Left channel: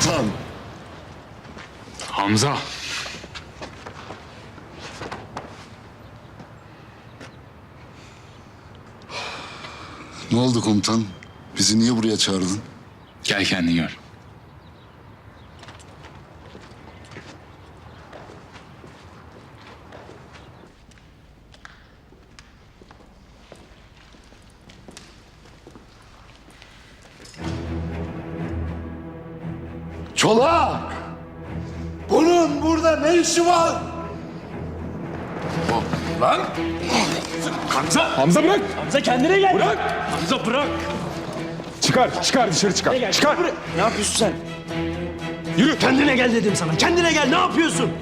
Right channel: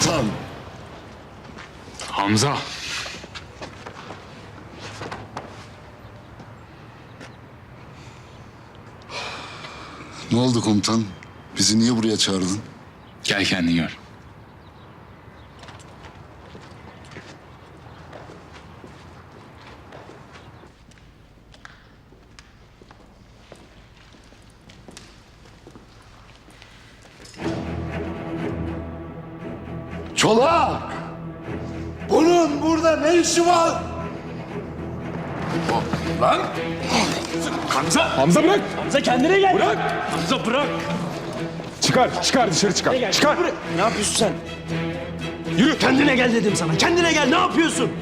komutan. Hamza. Ne oldu komutan? Bizi niye buraya çağırdın? Gel kendin gör. İşi var? Hamza bırak. Hamza kendine gel. Bırak. Hamza bırak. Çıkar, çıkar dışarı çıkar. Çıkar. Ne yapıyorsun sen? Yürü. Kendine gel dedim sana. Kendine gel. Ne yapıyorsun?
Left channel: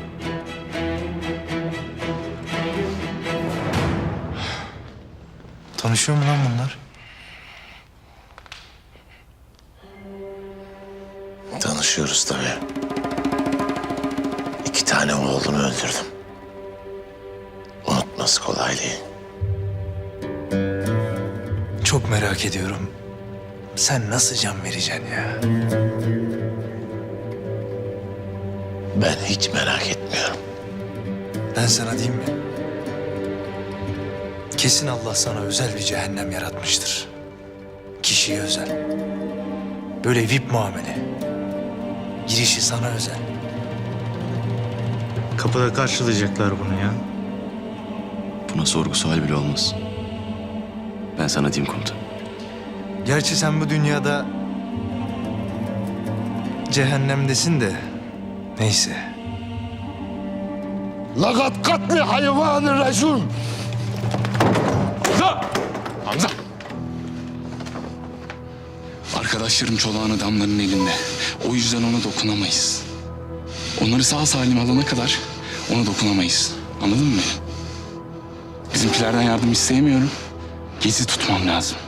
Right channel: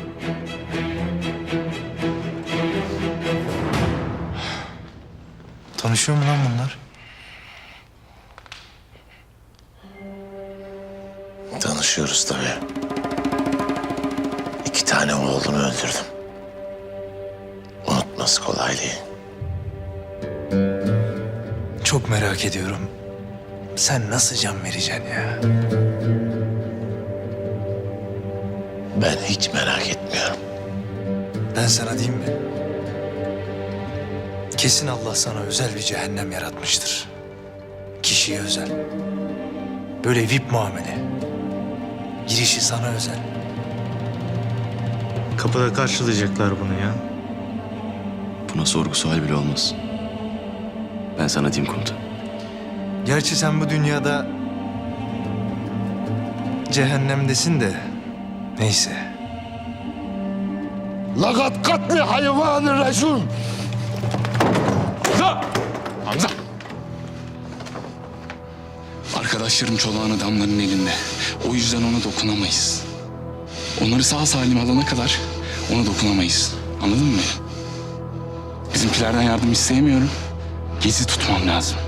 Tanışıyor mu lan bunlar? Tanışıyoruz tabii. Tane oğlumu öldürdüm. Unutması kolay değil. Çok merak ediyorum. Sen nasıl can vereceksin ya? Ben hiç merak etmiyorum. Ben sana diyeyim mi? Kesin Allah sana özel bir cehennem yaratmıştır. Kişiye özel. Böyle VIP muamele. Girişi sana özel. Kapıda karşılayacaklar bunu ya. Buna sorgu sual bile olmaz. Ben sana diyeyim komutan. Gerçi sen bu dünyada cehennemdesin de neyse. Lagat katli hayvanı resul. Hamza! Hamza! Arkadaşlarım çolağın adamların elinde. O yüzden ona dokunamayız. Onları sağ salim alana kadar ona dokunamayız. Anladın mı beni? Bizimkilerden yardım isteyemiyorum. Gezi tutmam lazım.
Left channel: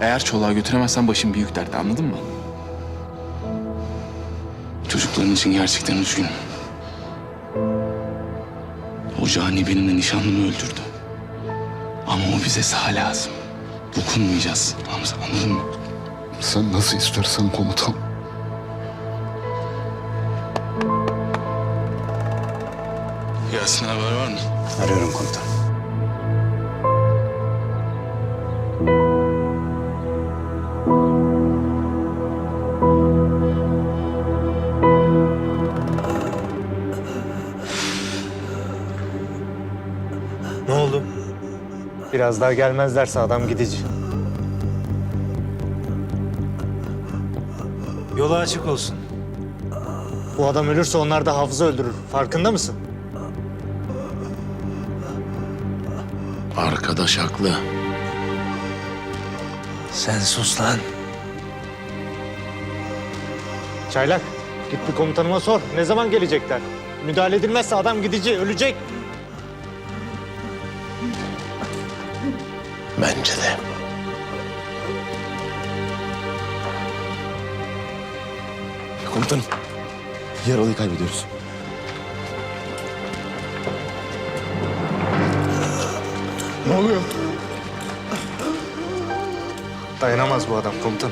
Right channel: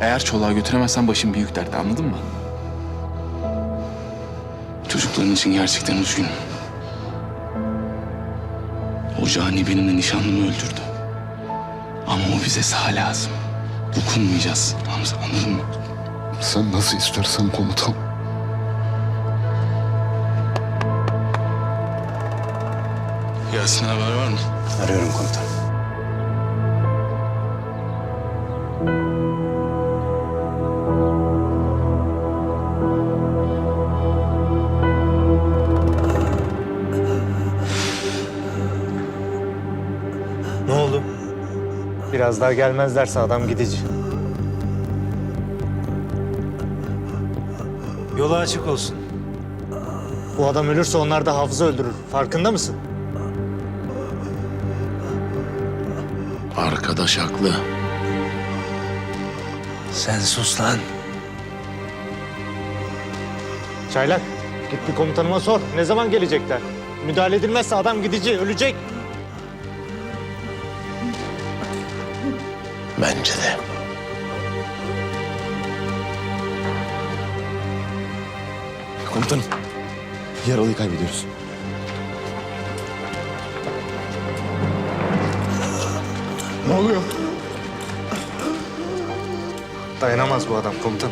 Eğer çolağı götüremezsen başım büyük dertte anladın mı? Çocukların için gerçekten üzgünüm. O cani benim de nişanlımı öldürdü. Ama o bize sağ lazım. Dokunmayacağız Hamza anladın mı? Sen nasıl istersen komutan. Yasin haber var mı? Arıyorum komutan. Ne oldu? Biraz daha gelmezlerse adam gidici. Yolu açık olsun. Bu adam ölürse onlar da hafıza öldürür. Farkında mısın? Arkadaş haklı. Sen sus lan. Çaylak, git bir komutanıma sor. Ne zaman gelecekler? Müdahale edilmezse adam gidici, ölecek. Bence de. Komutanım. Yaralıyı kaybediyoruz. Ne oluyor? Dayanamaz bu adam komutan.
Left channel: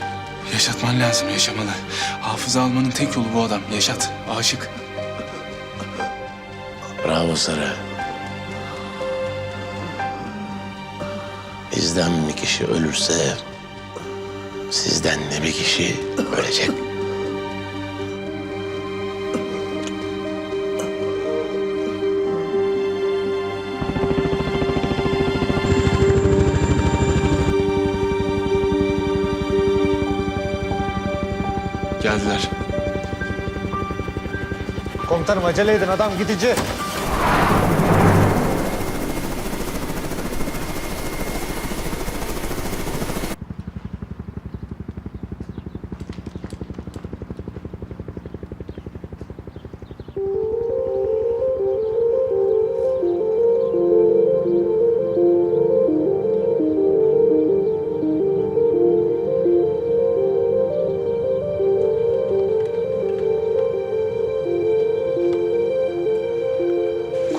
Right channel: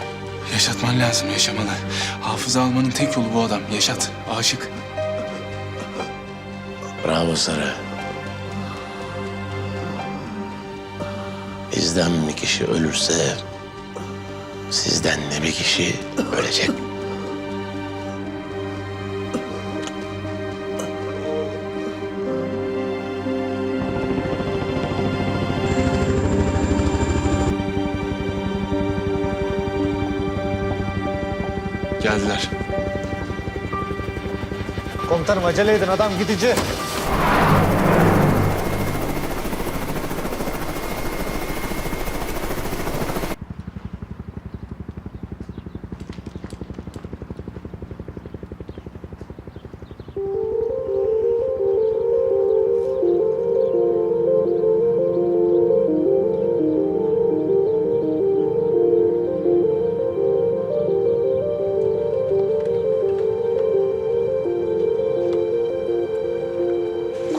Yaşatman lazım yaşamalı. Hafıza almanın tek yolu bu adam. Yaşat. Aşık. Bravo Sarı. Bizden bir kişi ölürse sizden de bir kişi ölecek. Geldiler. Komutanım acele edin adam gidici.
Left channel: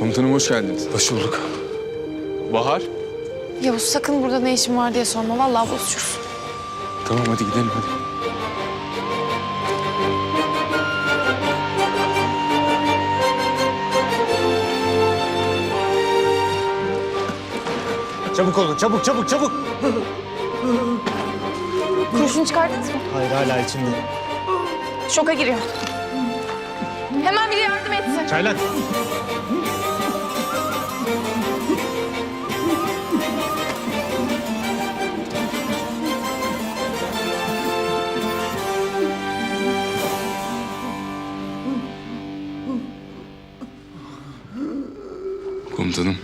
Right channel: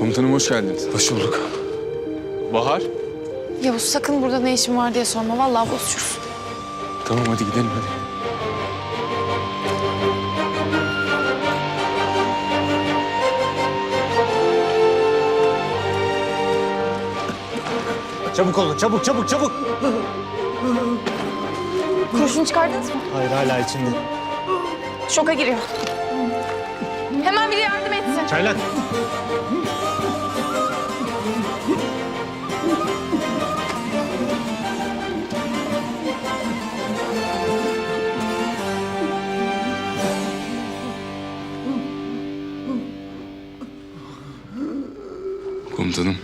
Komutanım hoş geldiniz. Hoş bulduk. Bahar. Yavuz sakın burada ne işin var diye sorma. Vallahi bozuşursun. Tamam hadi gidelim hadi. Çabuk olun çabuk çabuk çabuk. Kurşun çıkardınız mı? Hayır hala içinde. Şoka giriyor. Hemen biri yardım etsin. Çaylan. Komutanım.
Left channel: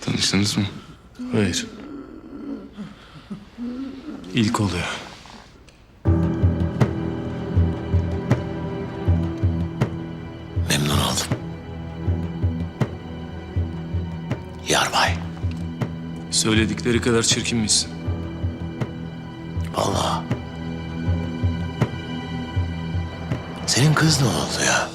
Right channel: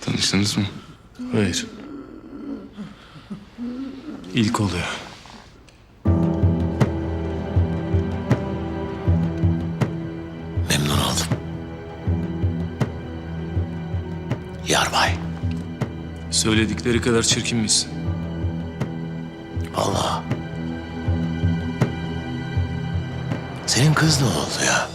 Tanıştınız mı? Hayır. İlk oluyor. Memnun oldum. Yarbay. Söyledikleri kadar çirkin misin? Kız ne oldu ya?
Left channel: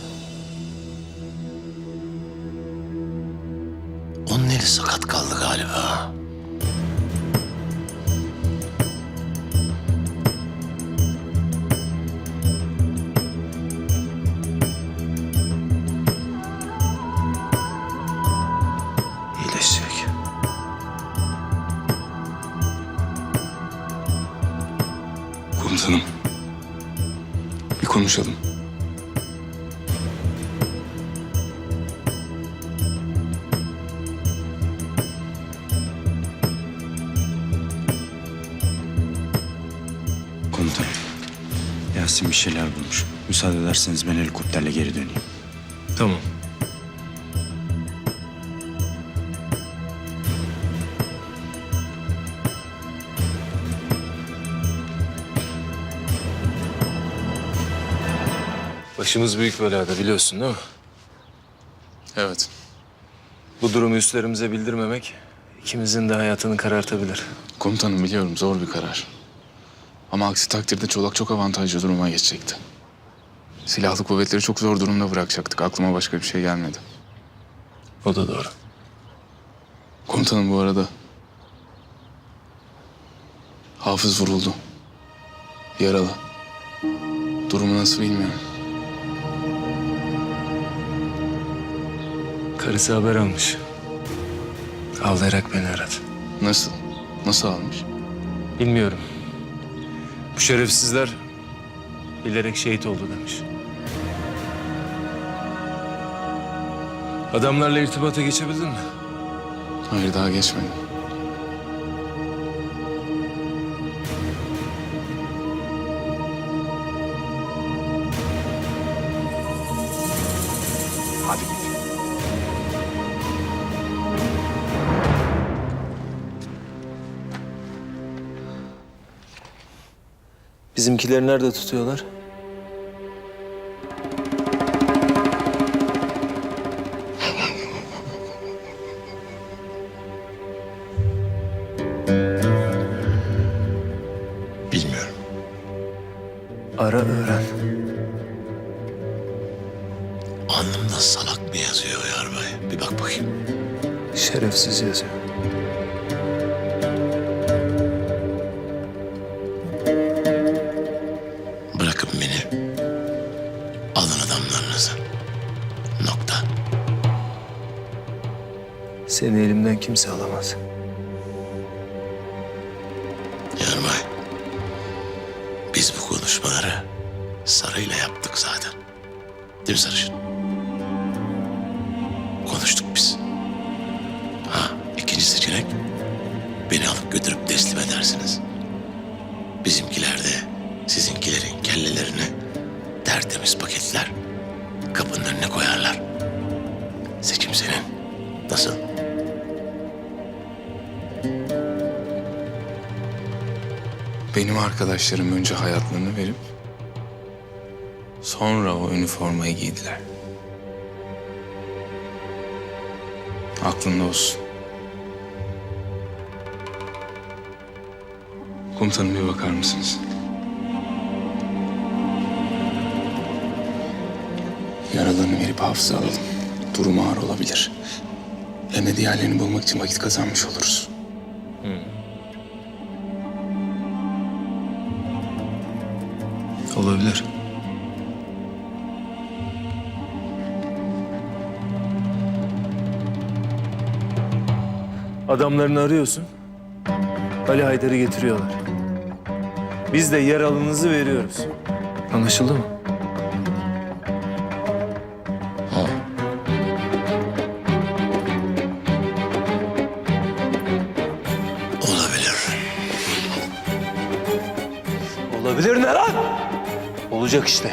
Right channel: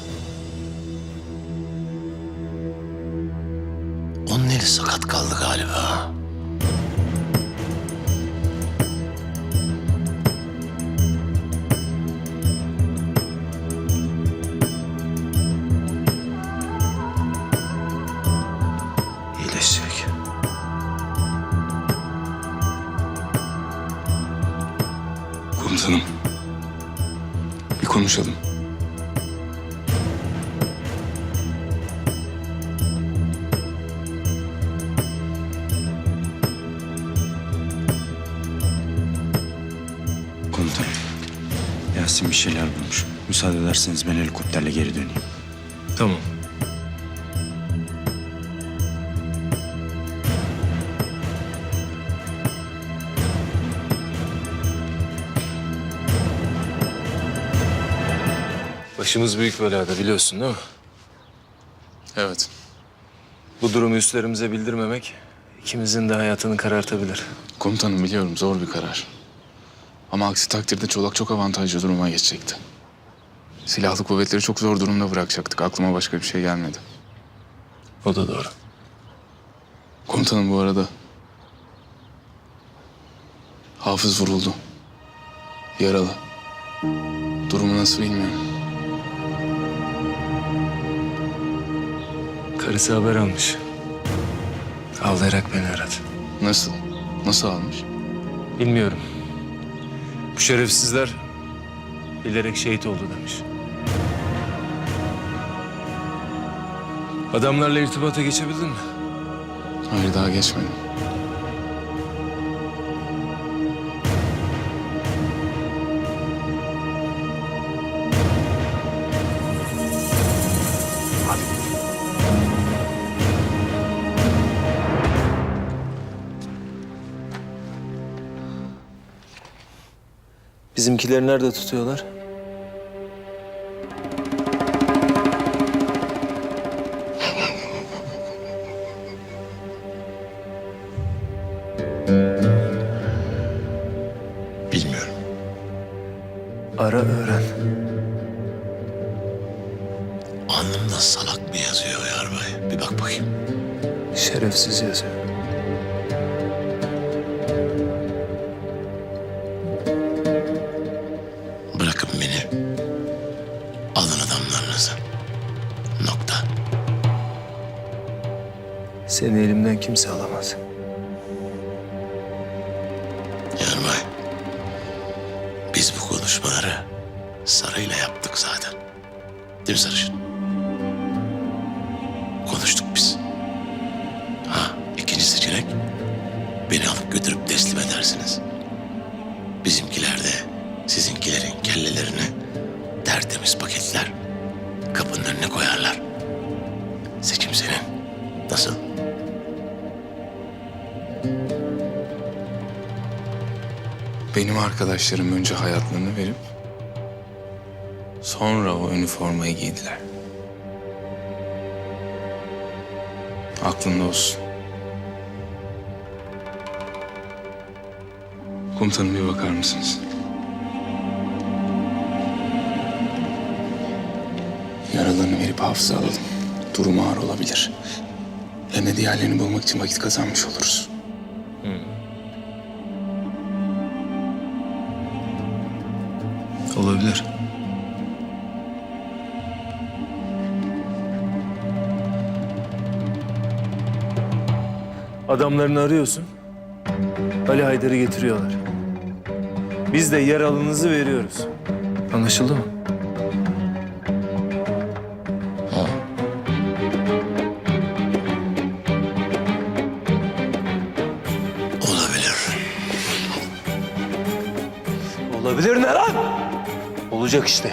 Ben helikopterle geri döneyim. Tamam. Başımız büyük belada biliyorsun değil mi? Evet. Bu durumu üstlerimize bildirmemek ikimizin de hayatını karartabilir. Komutanım biliyorum zor bir karar. Ama aksi takdirde Çolak çok avantajlı duruma geçecekti. Silahlı kuvvetleri çok zor durumda bırakacaktık. Aklıma başka bir şey gelmedi. O da doğru. Komutanım bu arada. Hafız vuruldu. Yaralı. Durumu nasıl bilmiyorum. Karısı haber almış. Ağlayarak beni aradı. Nasıl? Nasıl almış? Bilmiyorum. Bu şerefsizler bilerek şehit oldu demiş. Adamlarla irtibata geçebildin mi? Hayır daha geçmedim. Hadi git. Bizimkileri nerede tutuyorlar? Alnımda salak mı yazıyor yarbay? Bir bak bakayım. Şerefsiz yazıyor. Bırakın beni. Alın adamlarınızı. Nokta. Seni elimden kimse alamaz. Yarbay. Biz bu konuşmaları Sarı'yla yaptık zaten. Değil mi Sarışın? Senin. Nasıl? Benim arkadaşlarım önce hayatlarını verip sonra o üniformayı giydiler. Aklında olsun. Komutanım bir bakar mısınız? Yaralarını verip hafıza alalım durum ağır olabilir. Hem de diğerlerini bulmak için vakit kazanmış oluruz. Olabilir. Adamlarını arıyorsun. Ali Haydar'ı getiriyorlar. Biz de yer alınızı veriyoruz. Anlaşıldı mı? Olacak işte.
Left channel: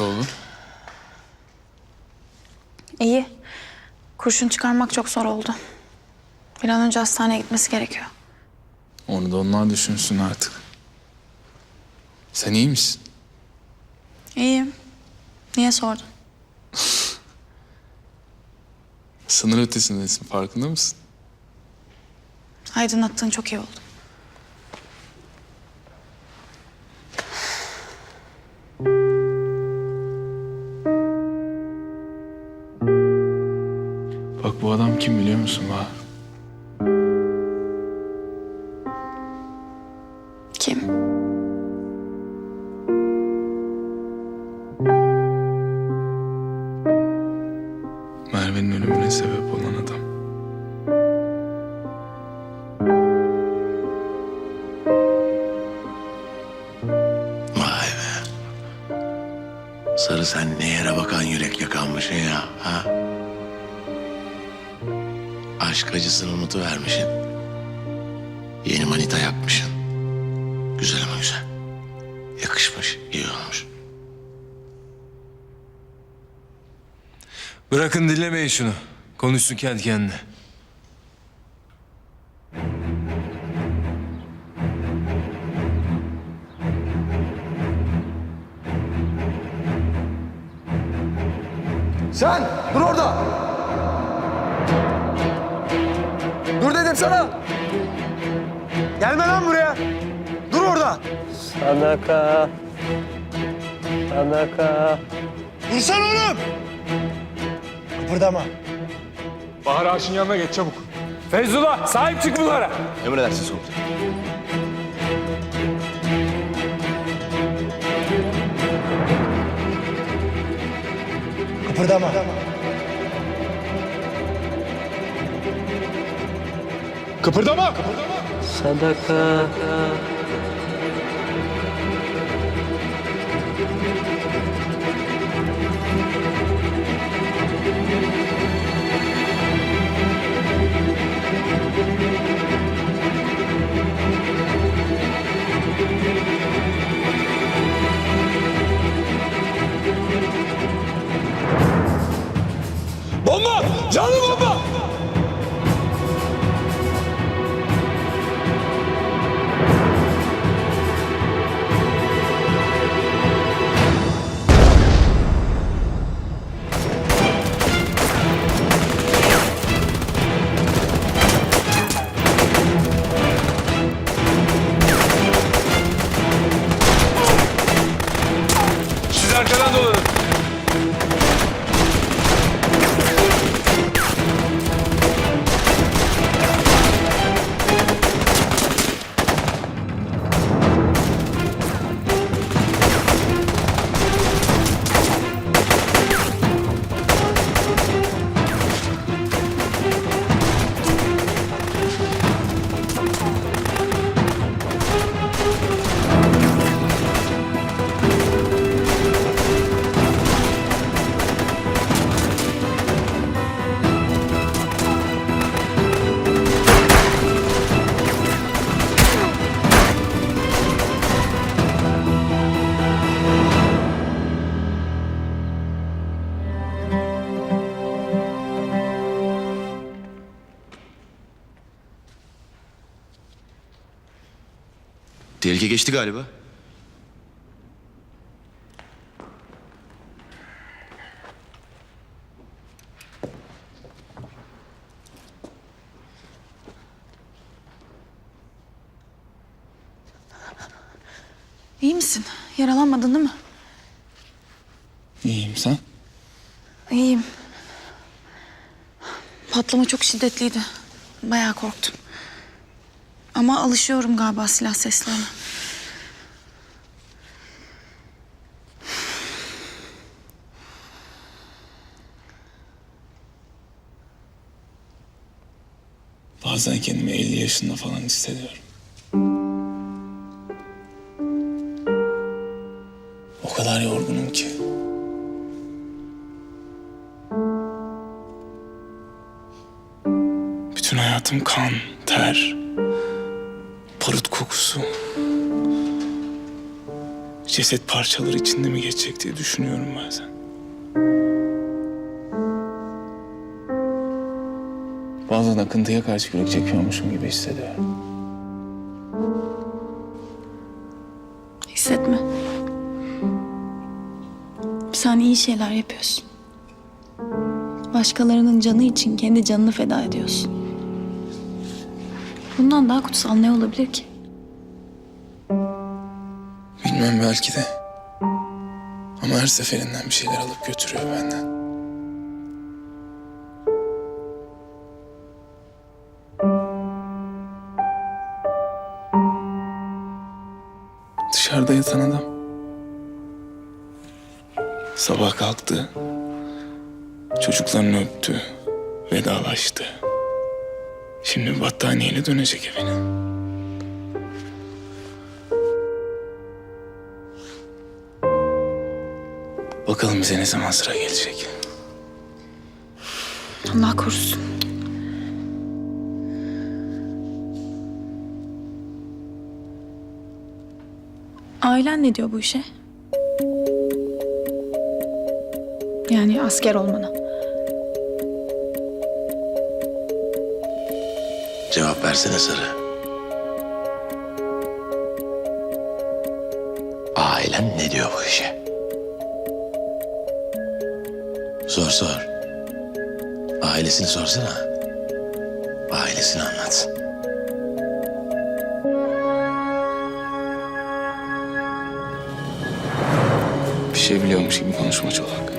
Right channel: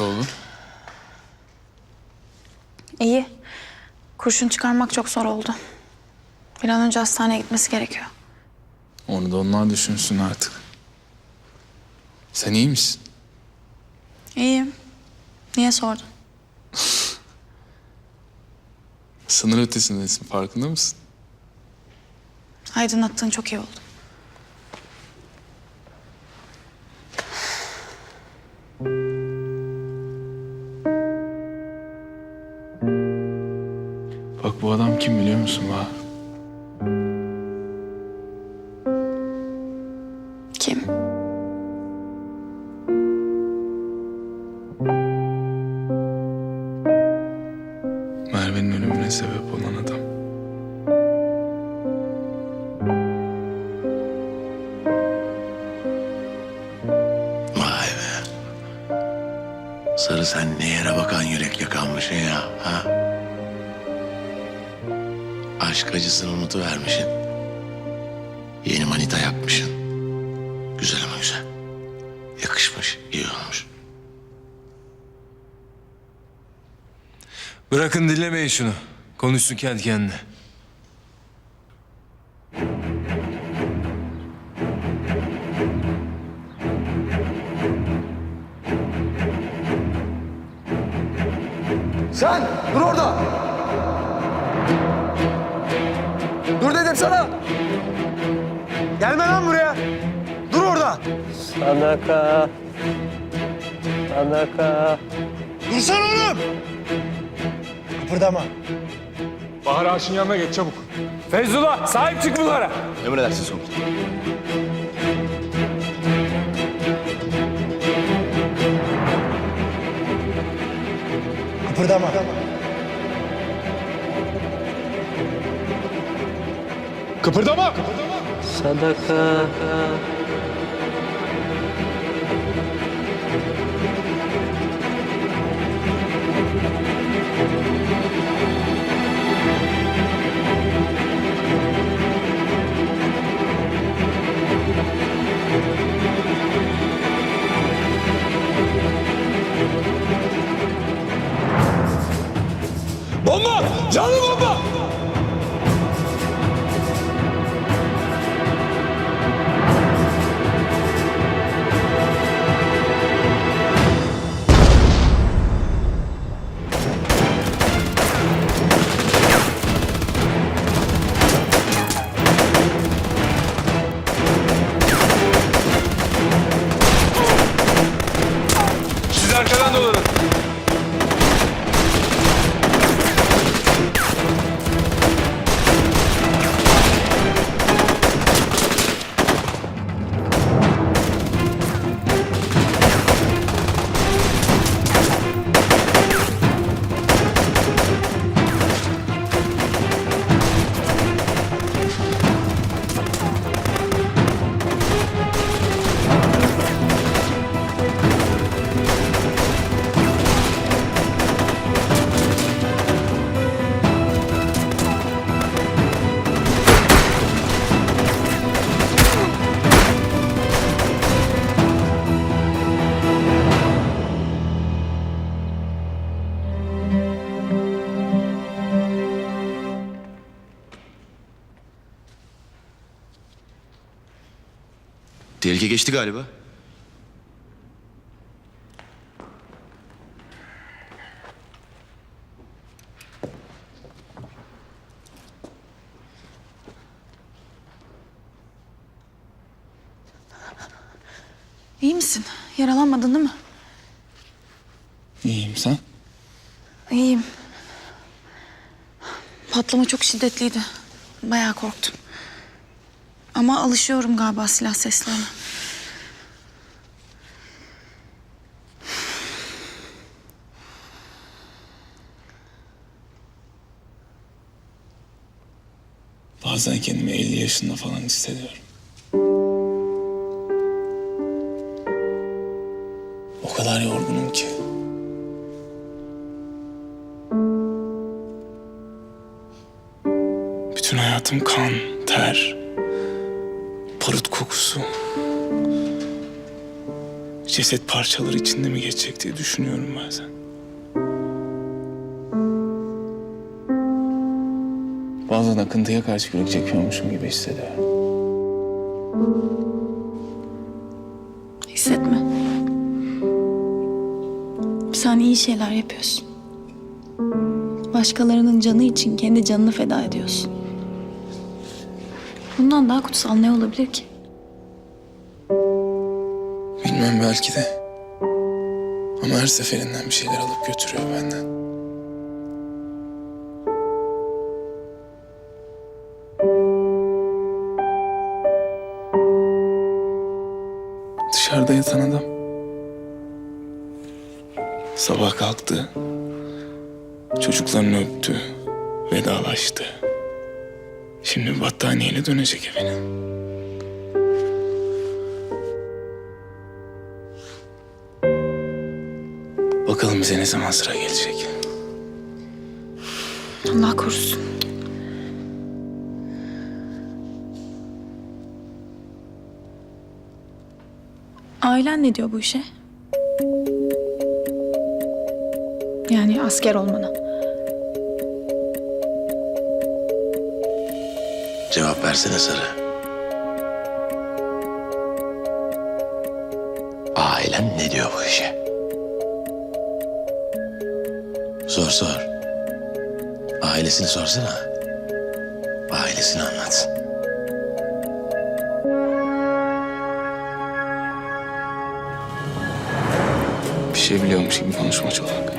Nasıl oldu? İyi. Kurşun çıkarmak çok zor oldu. Bir an önce hastaneye gitmesi gerekiyor. Onu da onlar düşünsün artık. Sen iyi misin? İyiyim. Niye sordun? Sınır ötesindesin farkında mısın? Aydınlattığın çok iyi oldu. Güzel ama güzel. Yakışmış, iyi olmuş. Bırakın dinlemeyin şunu. Konuşsun kendi kendine. Sen dur orada. Dur dedim sana. Gelme lan buraya. Orada. Sadaka. Sadaka. Dursana oğlum. Kıpırdama. Bahar Ağaç'ın yanına geç çabuk. Feyzullah sahip çık bunlara. Emredersiniz komutanım. Kıpırdama. Kıpırdama. Kıpırdama. Sadaka. Bomba! Canlı bomba! Tehlike geçti galiba. İyi misin? Yaralanmadın değil mi? İyiyim sen? İyiyim. Patlama çok şiddetliydi. Bayağı korktum. Ama alışıyorum galiba silah seslerine. Bazen kendimi 50 yaşında falan hissediyorum. O kadar yorgunum ki. Bütün hayatım kan, ter, barut kokusu. Ceset parçaları içinde mi geçecek diye düşünüyorum bazen. Bazen akıntıya karşı kürek çekiyormuşum gibi hissediyorum. Hissetme. Sen iyi şeyler yapıyorsun. Başkalarının canı için kendi canını feda ediyorsun. Bundan daha kutsal ne olabilir ki? Bilmem belki de. Ama her seferinden bir şeyler alıp götürüyor benden. Dışarıda yatan adam. Sabah kalktı. Çocuklarını öptü. Vedalaştı. Şimdi battaniyeyle dönecek evine. Bakalım bize ne zaman sıra gelecek. Allah korusun. Ailen ne diyor bu işe? Yani asker olmana. Cevap versene Sarı. Ailen ne diyor bu işe? Sor sor. Ailesini sorsana. Ailesini anlat. Bir şey biliyormuş gibi konuşma Çolak.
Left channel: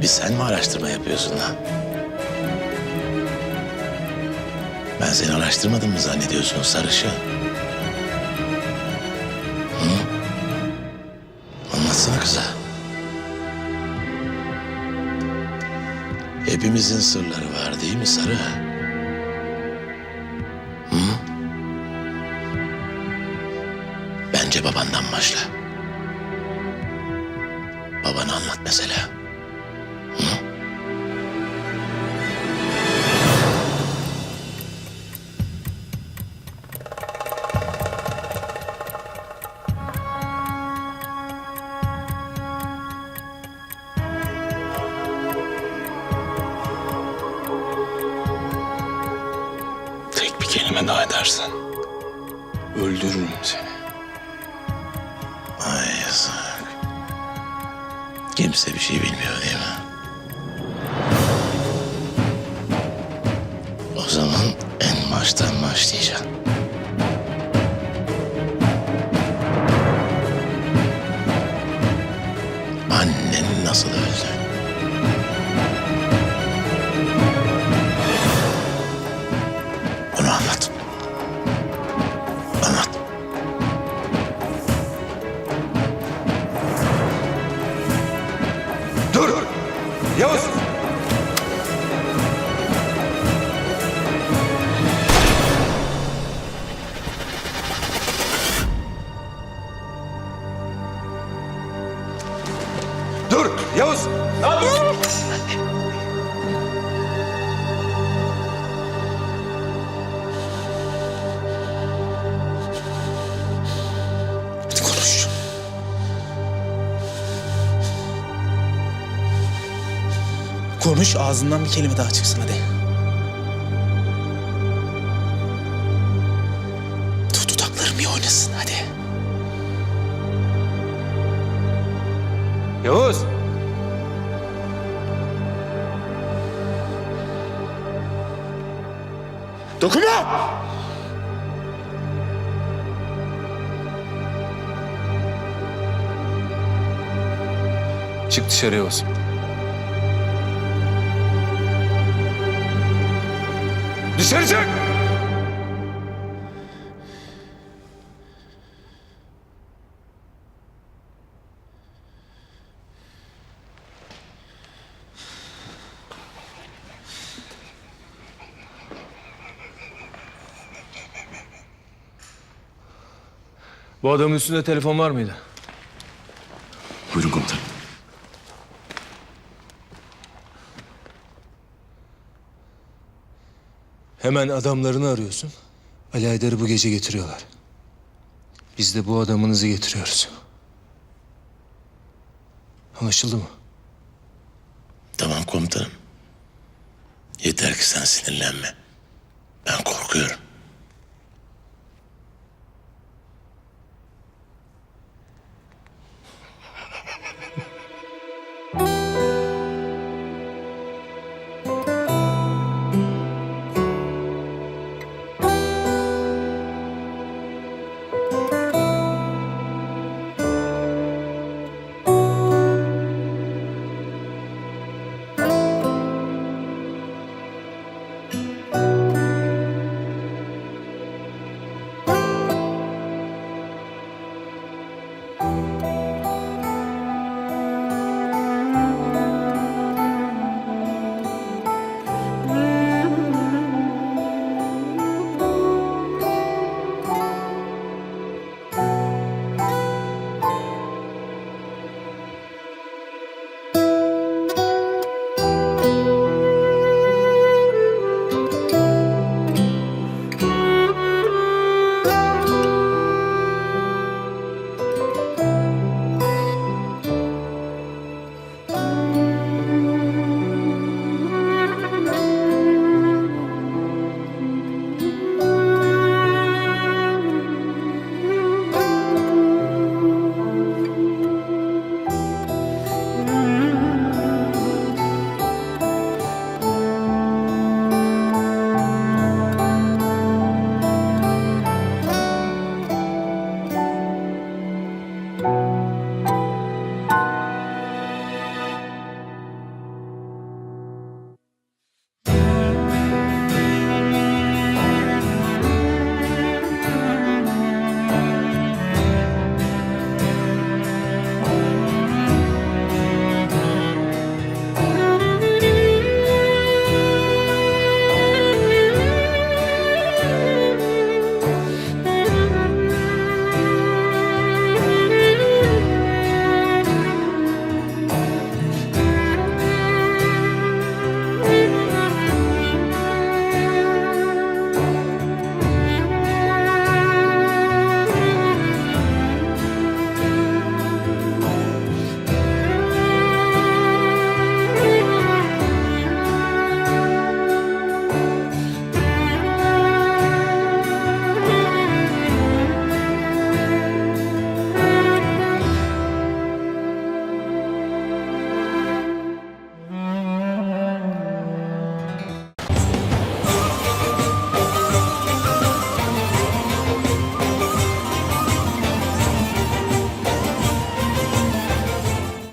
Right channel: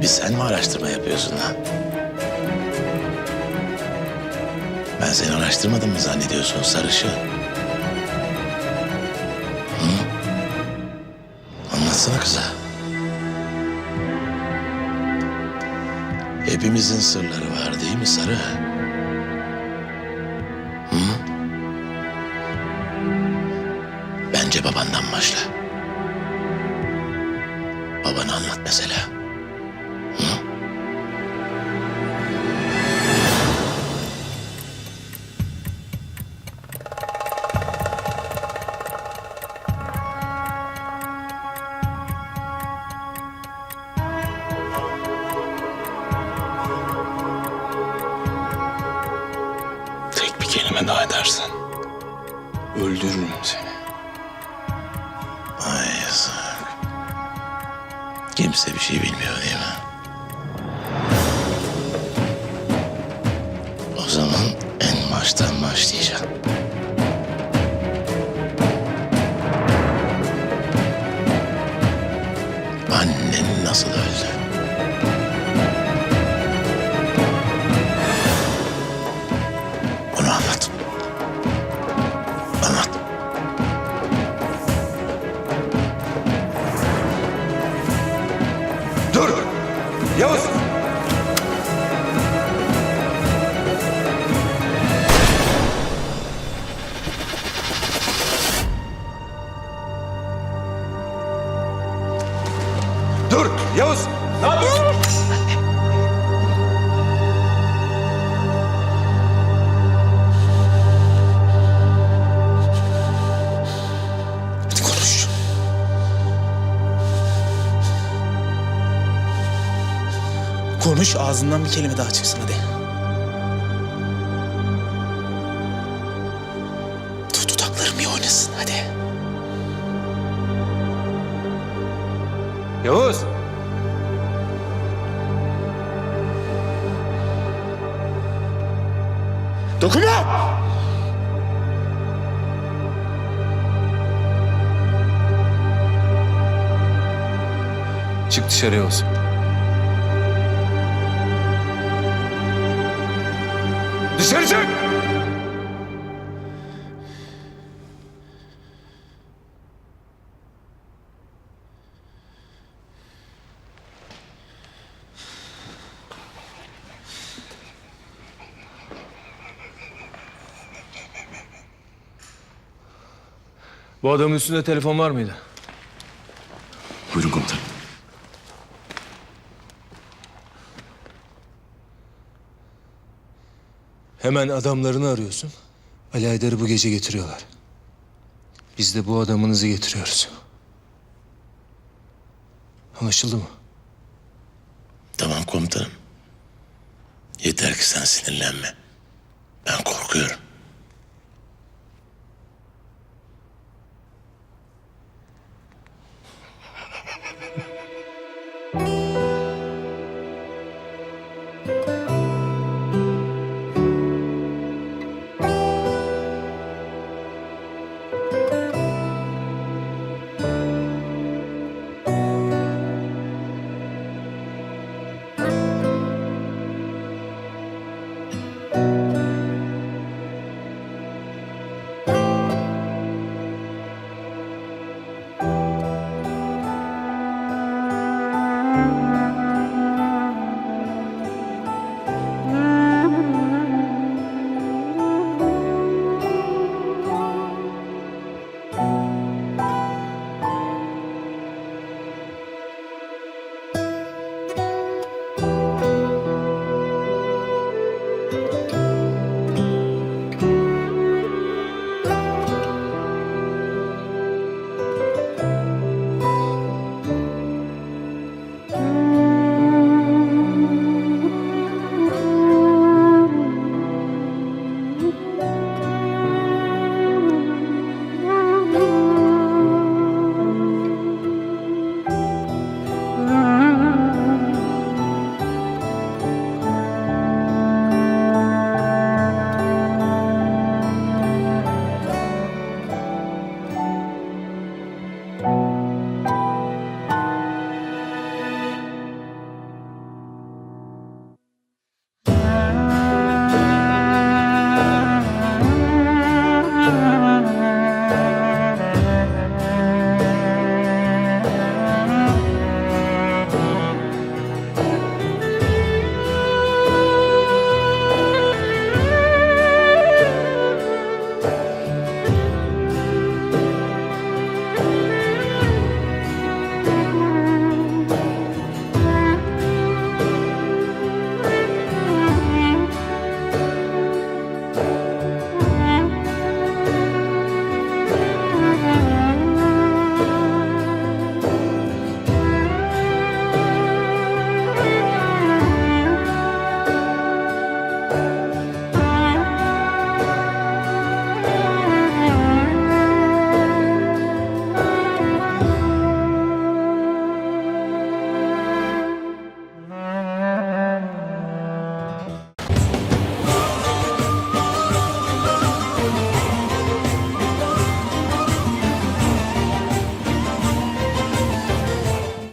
Bir sen mi araştırma yapıyorsun lan? Ben seni araştırmadım mı zannediyorsun sarışın? Hı? Anlatsana kıza. Hepimizin sırları var değil mi sarı? Bence babandan başla. Babana anlat mesela. Tek bir kelime daha edersen öldürürüm seni. Kimse bir şey bilmiyor değil mi? O zaman en baştan başlayacağım. Dur! Yavuz! Dur! Konuş ağzından bir kelime daha çıksın hadi. oynasın hadi. Yavuz. Dokunma! Çık dışarı Yavuz. Dışarı! Bu adamın üstünde telefon var mıydı? Hemen adamlarını arıyorsun. Ali Aydar'ı bu gece getiriyorlar. Biz de bu adamınızı getiriyoruz. Anlaşıldı mı? Tamam komutanım. Yeter ki sen sinirlenme. Ben korkuyorum.